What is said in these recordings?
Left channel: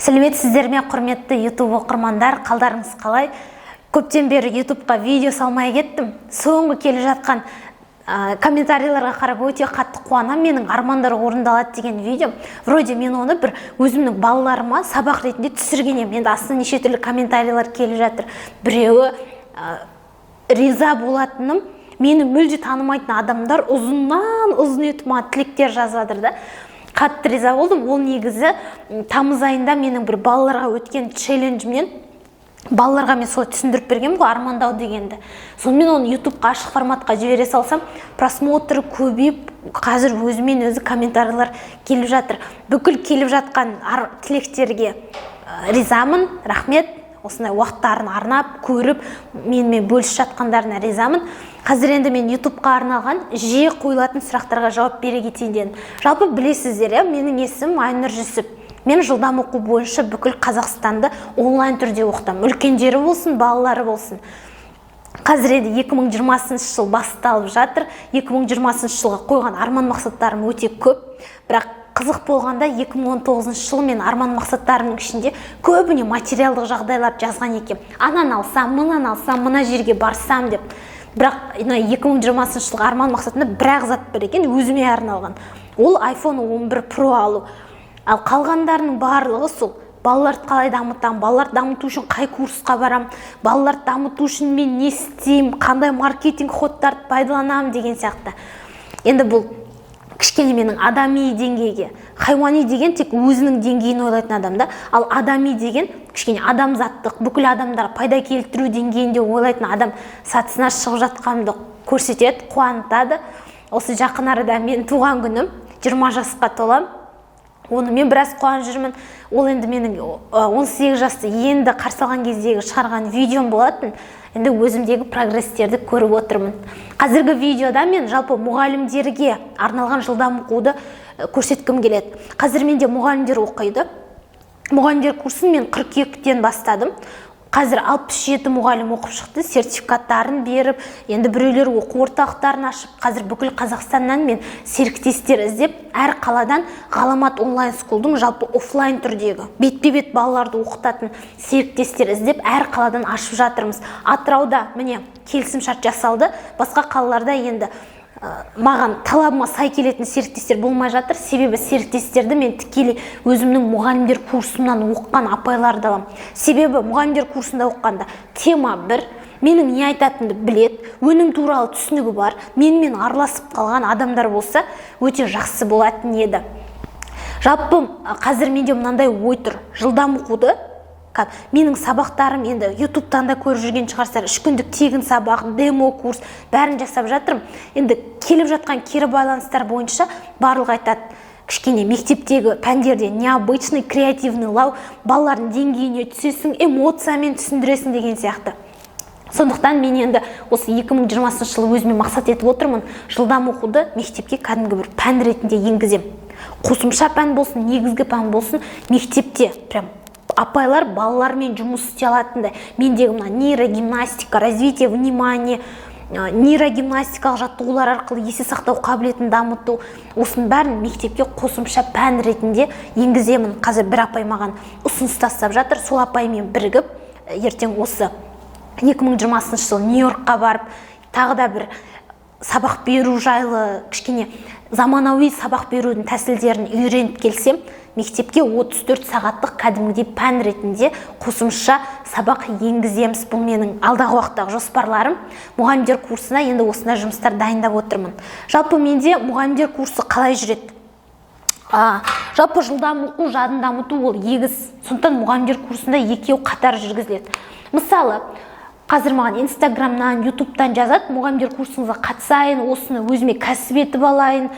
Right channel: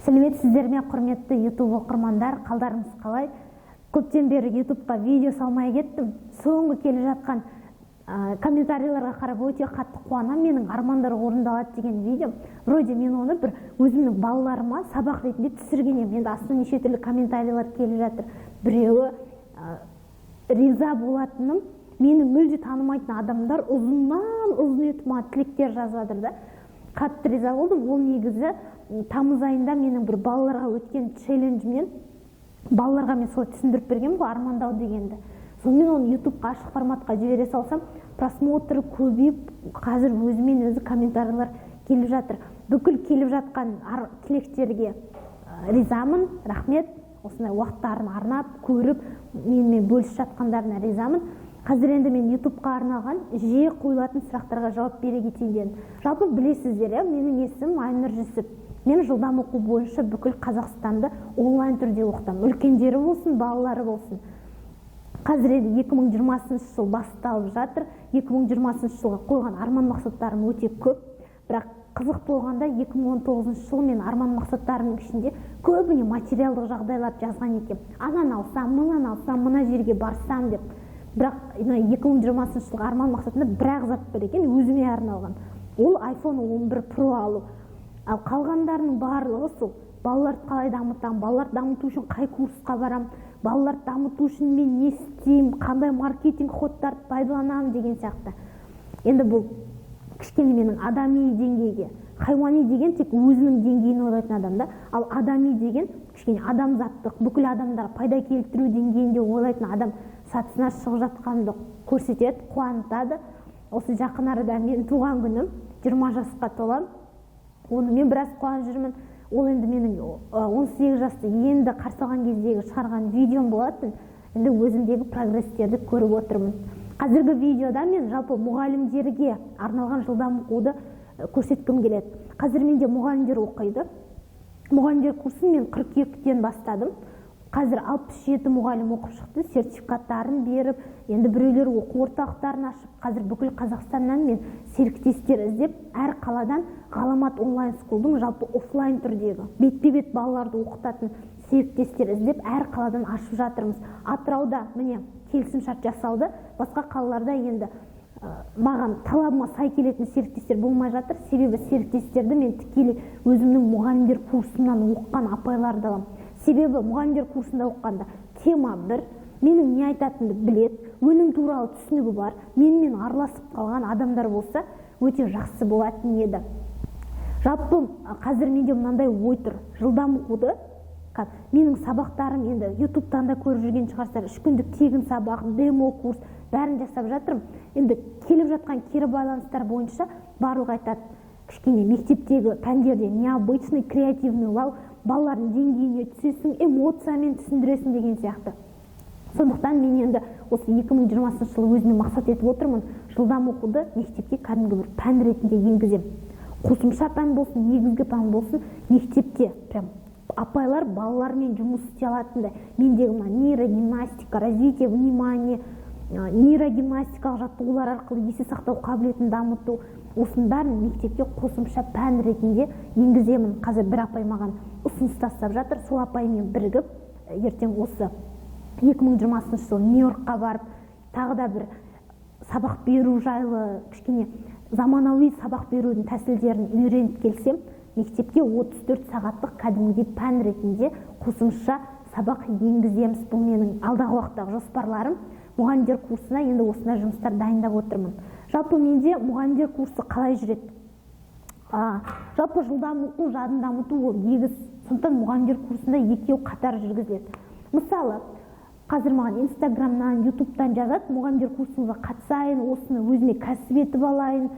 Сәлеметсіздер ме, құрметті YouTube оқырмандар, қалдарыңыз қалай? Көптен бері YouTubeға видео салмай кеттім. Соңғы келе жатқан комментарийларға қарап өте қатты қуанам. Менің армандар орындалады деген видео. Вроде мен оны бір өзімнің балаларыма сабақ ретінде түсірген едім. Енді астына неше түрлі комментарийлер келіп жатыр. Біреуі риза болатыным, мені мүлде танымайтын адамдар ұзыннан ұзын етіп маған тілектер жазып жатыр да. Қатты риза болдым. Ол негізі тамыз айында менің бір балаларға өткен челленджімнен балаларға мен солай түсіндіріп бергенмін ғой, армандау дегенді. Сонымен оны YouTubeға ашық форматқа жібере салсам, просмотры көбейіп, қазір өзімен өзі комментарийлер келіп жатыр. Бүкіл келіп жатқан тілектерге ризамын, рахмет. Осындай уақыттарын арнап, көріп, менімен бөлісіп жатқандарына ризамын. Қазір енді мен YouTubeға арналған жиі қойылатын сұрақтарға жауап бере кетейін дедім. Жалпы білесіздер, менің есімім Айнұр Жүсіп. Мен жылдам оқу бойынша бүкіл Қазақстанды онлайн түрде оқытамын. Үлкендері болсын, балалары болсын. Қазір енді 2020 жыл басталып жатыр. 2020 жылға қойған арман мақсаттарым өте көп. Бірақ қызық болғанда 2019 жылы мен арман мақсаттарымның ішінде көбіне материалдық жағдайлар жазған екен. Анан алсам, мына жерге барсам деп. Бірақ 2020 жылғы арман мақсатында бірақ зат бар екен, өзіме арналған. Ол iPhone 11 Pro алу. Ал қалғандарының барлығы сол. Балаларды қалай дамытам, балаларды дамыту үшін қай курсқа барам, балаларды дамыту үшін мен не істеймін, қандай маркетинг ходтарды пайдаланамын деген сияқты. Енді бұл кішкене менің адами деңгейге, хайуани деген тек өзінің деңгейін ойлайтын адамда, ал адами деген кішкене адамзаттық, бүкіл адамдарға пайда келтіру деңгейінде ойлайтын адам сатысына шығып жатқанымды көрсетеді, қуантады. Осы жақын арада мен туған күнім, 20 жасқа толам. Оны мен біраз қуанып жүрмін. Ол енді менің 18 жасты енді қарсы алған кездегі шығарған видеом болатын. Енді өзімдегі прогресстерді көріп отырмын. Қазіргі видеода мен жалпы мұғалімдерге арналған жылдам оқуды көрсеткім келеді. Қазір менде мұғалімдер оқиды. Мұғалімдер курсын мен 42-тен бастадым. Қазір 67 мұғалім оқып шықты, сертификаттарын беріп, енді біреулер оқу орталықтарын ашып, қазір бүкіл Қазақстаннан мен серіктестер іздеп, әр қаладан Ғаламат онлайн скулдың жалпы офлайн түрдегі бетпе-бет балаларды оқытатын серіктестер іздеп, әр қаладан ашып жатырмыз. Атырауда міне келісімшарт жасалды, басқа қалаларда енді маған талабыма сай келетін серіктестер болмай жатыр. Себебі серіктестерді мен тікелей өзімнің мұғалімдер курсымнан оқыған апайларды аламын. Себебі мұғалімдер курсында оқығанда тема бір, менің не айтатынымды білет, өнім туралы түсінігі бар, менімен араласып қалған адамдар болса, өте жақсы болатын еді. Жалпы қазір менде мынандай ой тұр. Жылдам оқуды менің сабақтарым енді YouTube-тан да көріп жүрген шығарсыздар, 3 күндік тегін сабақ, демо курс, бәрін жасап жатырмын. Енді келіп жатқан кері байланыстар бойынша барлығы айтады, кішкене мектептегі пәндерде необычный, креативный лау, балалардың деңгейіне түсесің, эмоциямен түсіндіресің деген сияқты. Сондықтан мен енді осы 2020 жылы өзіме мақсат етіп отырмын, жылдам оқуды мектепке кәдімгі бір пән ретінде енгізем. Қосымша пән болсын, негізгі пән болсын, мектепте прям апайлар балалармен жұмыс істей алатындай. Мендегі мына нейрогимнастика, развитие внимания, нейрогимнастикалық жаттығулар арқылы есе сақтау қабілетін дамыту, осының бәрін мектепке қосымша пән ретінде енгіземін. Қазір бір апай маған ұсыныс тастап жатыр. Сол апаймен бірігіп, ертең осы 2020 жылы Нью-Йоркқа барып, тағы да бір сабақ беру жайлы, кішкене заманауи сабақ берудің тәсілдерін үйреніп келсем, мектепке 34 сағаттық кәдімгідей пән ретінде қосымша сабақ енгіземіз. Бұл менің алдағы уақыттағы жоспарларым. Мұғалімдер курсына енді осындай жұмыстар дайындап отырмын. Жалпы менде мұғалімдер курсы қалай жүреді? Жалпы жылдам оқу, жадын дамыту ол егіз. Сондықтан мұғалімдер курсында екеуі қатар жүргізіледі. Мысалы, қазір маған Инстаграмнан, Ютубтан жазады, мұғалімдер курсыңызға қатысайын, осыны өзіме кәсіп етіп алайын,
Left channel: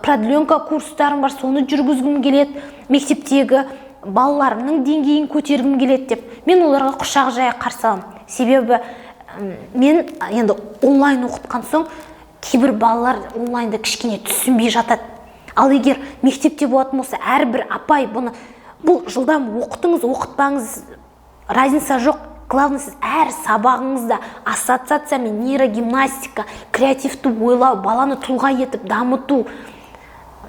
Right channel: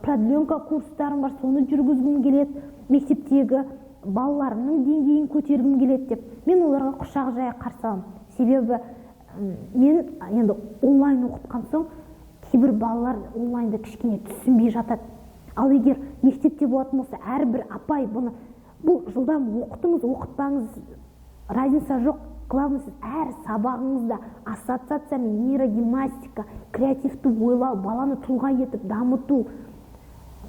продленка курстарым бар, соны жүргізгім келеді, мектептегі балаларымның деңгейін көтергім келеді деп. Мен оларға құшақ жая қарсы аламын. Себебі мен енді онлайн оқытқан соң кейбір балалар онлайнда кішкене түсінбей жатады. Ал егер мектепте болатын болса, әрбір апай бұл жылдам оқытыңыз, оқытпаңыз, разница жоқ. Главное, сіз әр сабағыңызда ассоциация мен нейрогимнастика, креативті ойлау, баланы тұлға етіп дамыту,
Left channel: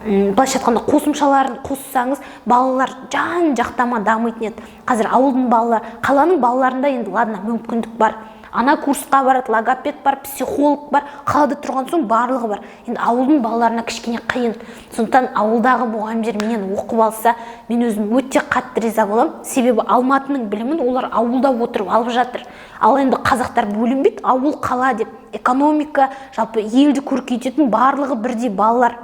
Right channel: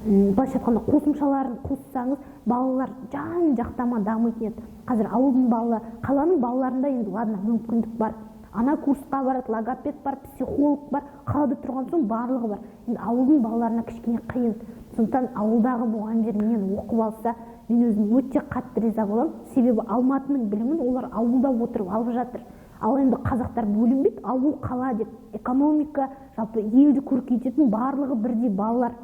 былайша айтқанда қосымшаларын қоссаңыз балалар жан жақтама дамитын еді. Қазір ауылдың балалары, қаланың балаларында енді ладно мүмкіндік бар. Ана курсқа барады, логопед бар, психолог бар, қалада тұрған соң барлығы бар. Енді ауылдың балаларына кішкене қиын. Сондықтан ауылдағы мұғалімдер менен оқып алса, мен өзім өте қатты риза боламын. Себебі Алматының білімін олар ауылда отырып алып жатыр. Ал енді қазақтар бөлінбейді, ауыл қала деп. Экономика, жалпы елді көркейтетін барлығы бірдей балалар.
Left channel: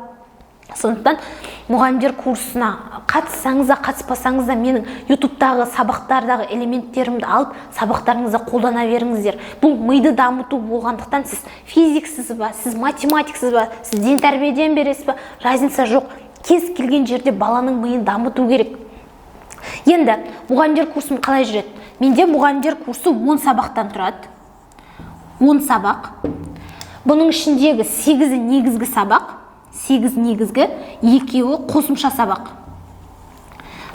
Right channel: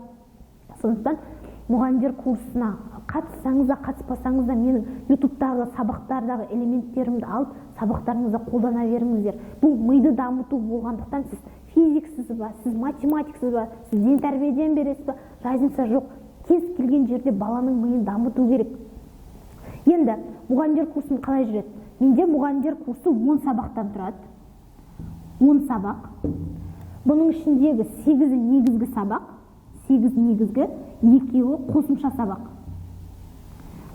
Сондықтан мұғалімдер курсына қатыссаңыз да қатыспасаңыз да менің ютубтағы сабақтардағы элементтерімді алып сабақтарыңызда қолдана беріңіздер. Бұл миды дамыту болғандықтан сіз физиксіз ба, сіз математиксіз ба, сіз ден тәрбиеден бересіз ба, разница жоқ. Кез келген жерде баланың миын дамыту керек. Енді мұғалімдер курсым қалай жүреді? Менде мұғалімдер курсы 10 сабақтан тұрады. 10 сабақ. Бұның ішіндегі 8-і негізгі сабақ, 8 негізгі, 2-і қосымша сабақ.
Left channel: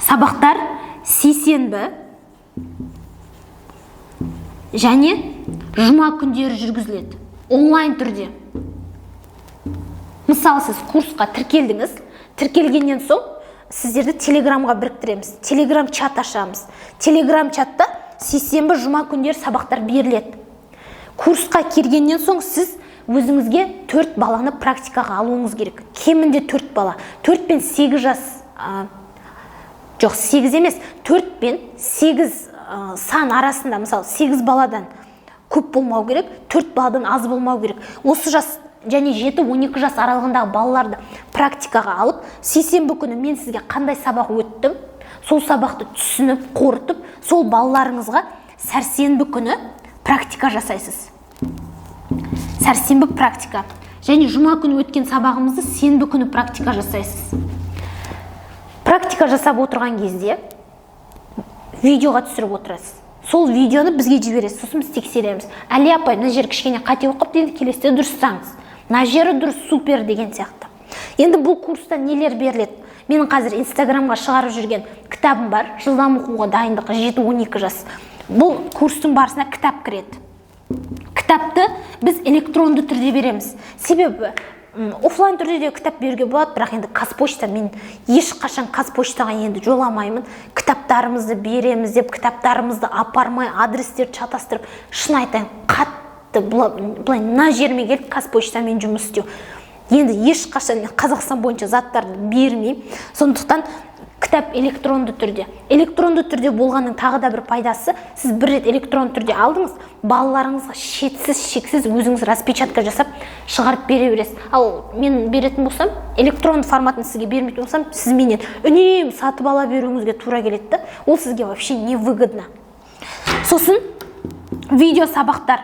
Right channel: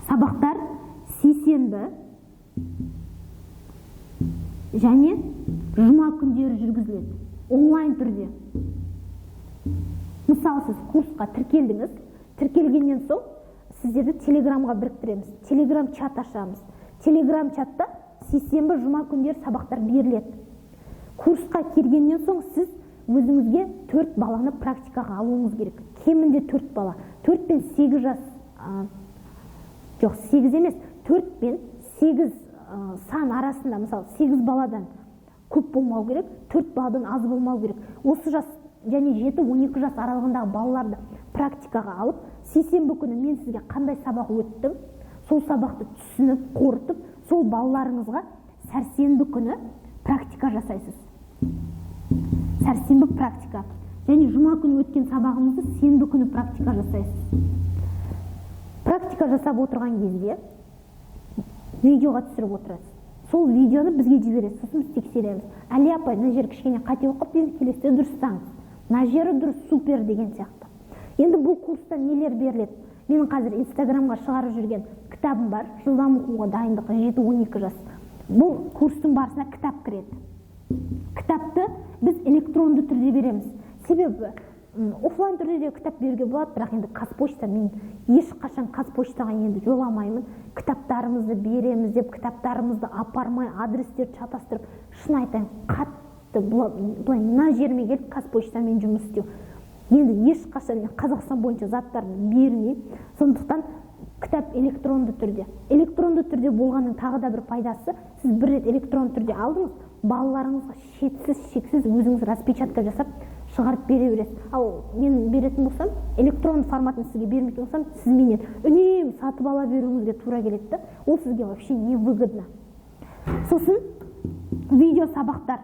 Сабақтар сейсенбі және жұма күндері жүргізіледі. Онлайн түрде. Мысалы, сіз курсқа тіркелдіңіз. Тіркелгеннен соң сіздерді телеграмға біріктіреміз. Телеграм чат ашамыз. Телеграм чатта сейсенбі, жұма күндері сабақтар беріледі. Курсқа келгеннен соң сіз өзіңізге 4 баланы практикаға алуыңыз керек. Кемінде 4 бала. 4 пен 8 жас, жоқ 8 емес, 4 пен 8 сан арасында, мысалы 8 баладан көп болмау керек, 4 баладан аз болмау керек. Осы жас және 7-12 жас аралығындағы балаларды практикаға алып, сейсенбі күні мен сізге қандай сабақ өттім, сол сабақты түсініп, қорытып, сол балаларыңызға сәрсенбі күні практика жасайсыз. Сәрсенбі практика. Және жұма күні өткен сабағымызды сенбі күні практика жасайсыз. Практика жасап отырған кезде видеоға түсіріп отырасыз. Сол видеоны бізге жібересіз, сосын біз тексереміз. Әли апай, мына жер кішкене қате оқып, енді келесіде дұрыстаңыз. Мына жері дұрыс, супер деген сияқты. Енді бұл курста нелер беріледі? Менің қазір инстаграмға шығарып жүрген кітабым бар. Жылдам оқуға дайындық 7-12 жас. Бұл курстың барысына кітап кіреді. Кітапты біз электронды түрде береміз. Себебі офлайн түрде де кітап беруге болады, бірақ енді Қазпошта, мен ешқашан Қазпоштаға енді жоламаймын. Кітаптарымызды береміз деп, кітаптарымызды апармай, адрестер шатастырып, шын айтайын, қатты былай мына жеріме келіп Қазпоштамен жұмыс істеу. Енді ешқашан Қазақстан бойынша заттарды бермеймін. Сондықтан кітап электронды түрде. Электронды түрде болғанның тағы да бір пайдасы, сіз бір рет электронды түрде алдыңыз, балаларыңызға шексіз өзіңіз распечатка жасап шығарып бере бересіз. Ал мен беретін болсам, электронды форматын сізге бермейтін болсам, сіз менен үнемі сатып ала беруіңізге тура келеді. Ол сізге вообще не выгодно. Сосын видео сабақтар.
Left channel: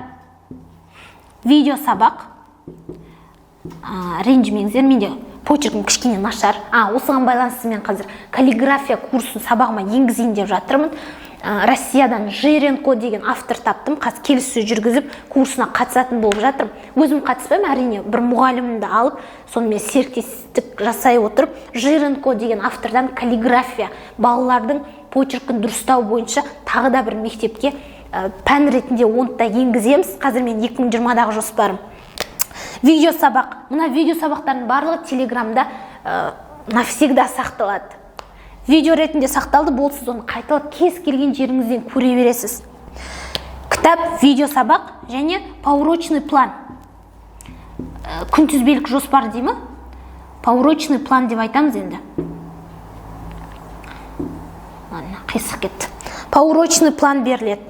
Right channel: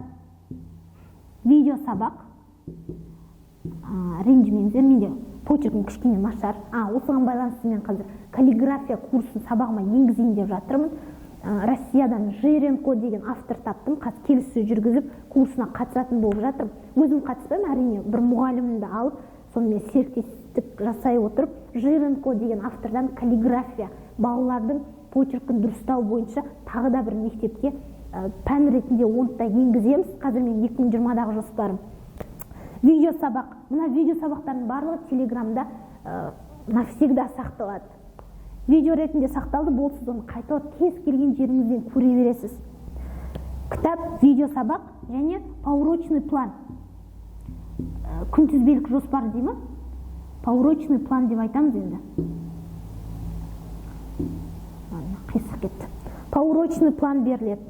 Видео сабақ. Ренжімеңіздер, менде почеркім кішкене нашар. Осыған байланысты мен қазір каллиграфия курсын сабағыма енгізейін деп жатырмын. Россиядан Жиренко деген автор таптым. Қазір келіссөз жүргізіп курсына қатысатын болып жатырмын. Өзім қатыспаймын, әрине бір мұғалімімді алып, сонымен серіктестік жасай отырып, Жиренко деген автордан каллиграфия, балалардың почеркін дұрыстау бойынша тағы да бір мектепке пән ретінде онтта енгіземіз. Қазір мен 2020-дағы жоспарым. Видео сабақ. Мына видео сабақтардың барлығы телеграмда навсегда сақталады. Видео ретінде сақталды, бол сіз оны қайталап кез келген жеріңізден көре бересіз. Кітап, видео сабақ және поурочный план. Күнтізбелік жоспар деймі? Поурочный план деп айтамыз енді. Қисық кетті. Поурочный план беріледі.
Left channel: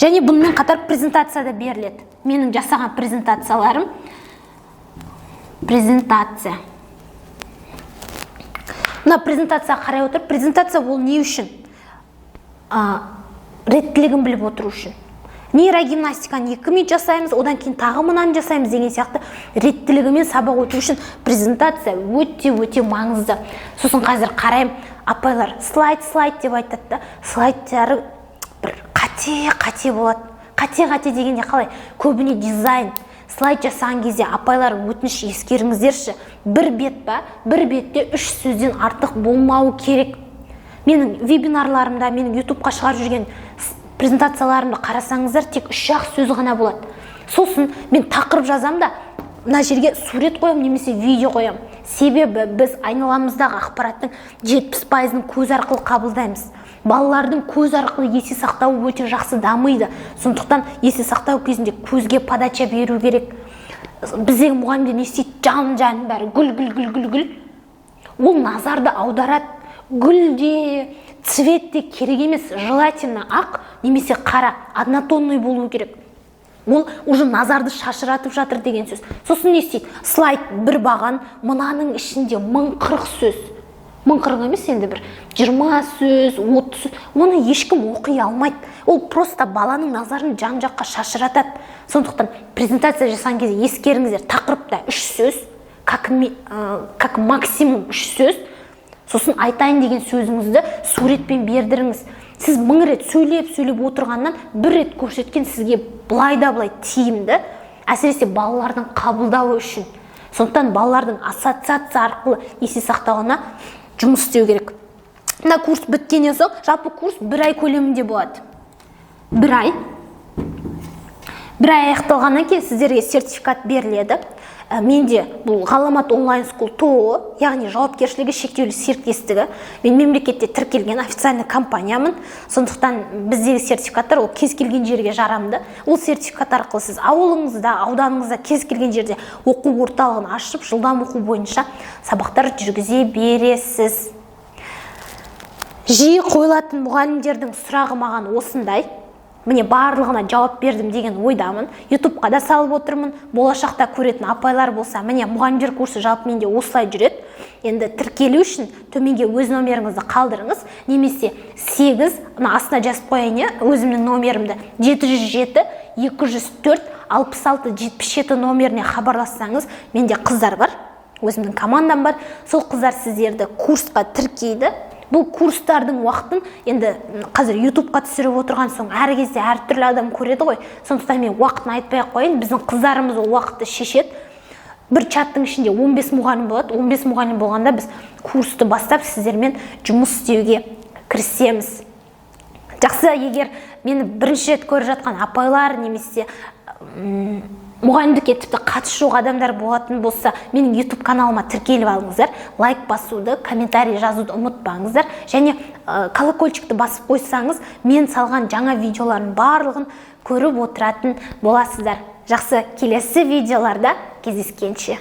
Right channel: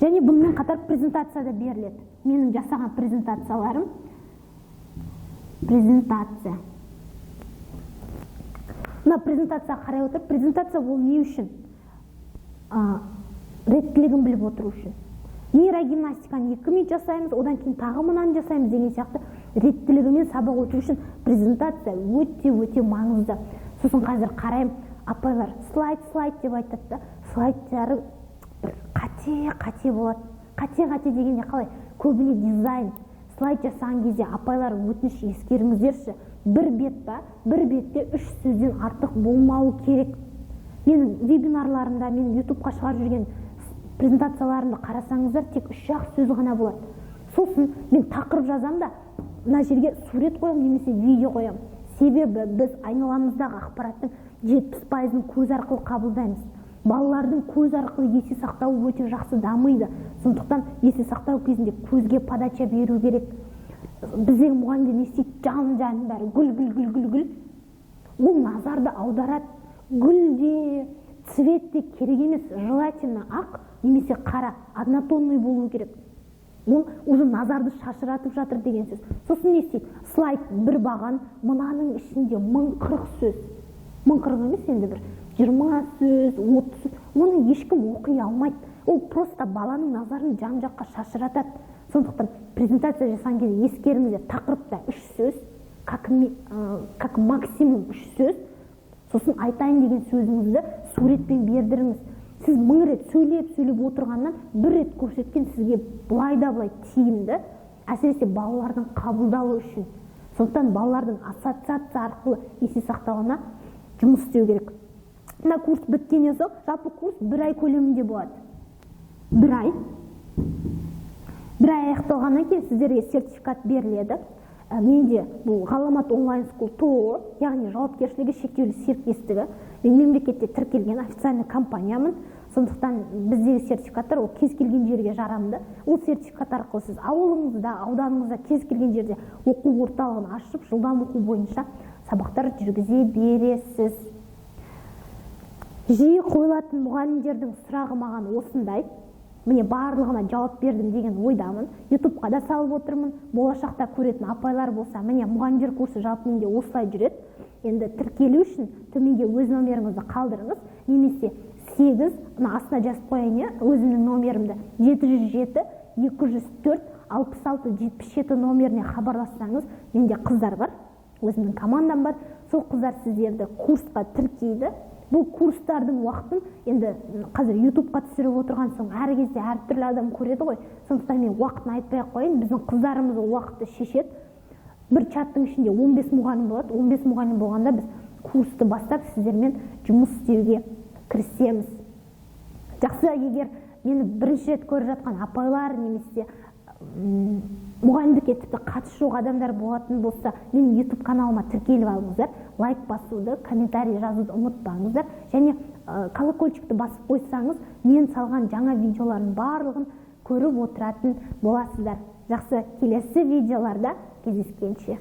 Және бұнымен қатар презентация да беріледі. Менің жасаған презентацияларым. Презентация. Мына презентацияға қарай отырып, презентация ол не үшін? Реттілігін біліп отыру үшін. Нейрогимнастиканы 2 минут жасаймыз, одан кейін тағы мынаны жасаймыз деген сияқты реттілігімен сабақ өту үшін презентация өте маңызды. Сосын қазір қарайым, апайлар слайд деп айтады. Слайдтары бір қате болады. Қате дегенде қалай? Көбіне дизайн. Слайд жасаған кезде апайлар өтініш ескеріңіздерші. Бір бет па? Бір бетте 3 сөзден артық болмауы керек. Менің вебинарларымда, менің ютубқа шығарып жүрген презентацияларымды қарасаңыздар, тек 3-ақ сөз ғана болады. Сосын мен тақырып жазам да, мына жерге сурет қоямын немесе видео қоямын. Себебі біз айналамыздағы ақпараттың 70%-ын көз арқылы қабылдаймыз. Балалардың көз арқылы есе сақтауы өте жақсы дамиды. Сондықтан есе сақтау кезінде көзге подача беру керек. Біздегі мұғалімдер не істейді? Жан бәрі гүл. Ол назарды аударады. Гүл де, цвет де керек емес. Желательно ақ немесе қара, однотонный болу керек. Ол уже назарды шашыратып жатыр деген сөз. Сосын не істейді? Слайд бір баған, мынаның ішінде 1040 сөз. 1040 емес енді бір 20 сөз, 30 сөз. Оны ешкім оқи алмайды. Ол просто баланың назарын жан-жаққа шашыратады. Сондықтан презентация жасаған кезде ескеріңіздер, тақырыпта 3 сөз, как максимум 3 сөз. Сосын айтайын деген сөзіңізді суретпен бердіріңіз. Сіз 1000 рет сөйлеп отырғаннан 1 рет көрсеткен сізге былай тиімді, әсіресе балалардың қабылдауы үшін. Сондықтан балалардың ассоциация арқылы есе сақтауына жұмыс істеу керек. Мына курс біткеннен соң, жалпы курс 1 ай көлемінде болады. 1 ай аяқталғаннан кейін сіздерге сертификат беріледі. Менде бұл Ғаламат онлайн скул ТО, яғни жауапкершілігі шектеулі серіктестігі. Мен мемлекетте тіркелген официальный компаниямын. Сондықтан біздегі сертификаттар ол кез келген жерге жарамды. Ол сертификат арқылы сіз ауылыңызда, ауданыңызда кез келген жерде оқу орталығын ашып, жылдам оқу бойынша сабақтар жүргізе бересіз. Жиі қойылатын мұғалімдердің сұрағы маған осындай. Міне барлығына жауап бердім деген ойдамын. YouTube-қа да салып отырмын. Болашақта көретін апайлар болса, міне мұғалімдер курсы жалпы менде осылай жүреді. Енді тіркелу үшін төменге өз номеріңізді қалдырыңыз, немесе 8, астына жазып қояйын, өзімнің номерімді 707-204-66-77 номеріне хабарлассаңыз, менде қыздар бар, өзімнің командам бар. Сол қыздар сіздерді курсқа тіркейді. Бұл курстардың уақытын енді қазір YouTube-қа түсіріп отырған соң әр кезде әртүрлі адам көреді ғой. Сондықтан мен уақытын айтпай қойын, біздің қыздарымыз ол уақытты шешеді. Бір чаттың ішінде 15 мұғалім болады. 15 мұғалім болғанда біз курсты бастап сіздермен жұмыс істеуге кірісеміз. Жақсы, егер мені бірінші рет көріп жатқан апайлар немесе мұғалімдікке тіпті қатысы жоқ адамдар болатын болса, менің YouTube каналыма тіркеліп алыңыздар, лайк басуды, комментарий жазуды ұмытпаңыздар, және колокольчикті басып қойсаңыз, мен салған жаңа видеолардың барлығын көріп отыратын боласыздар. Жақсы, келесі видеоларда кездескенше.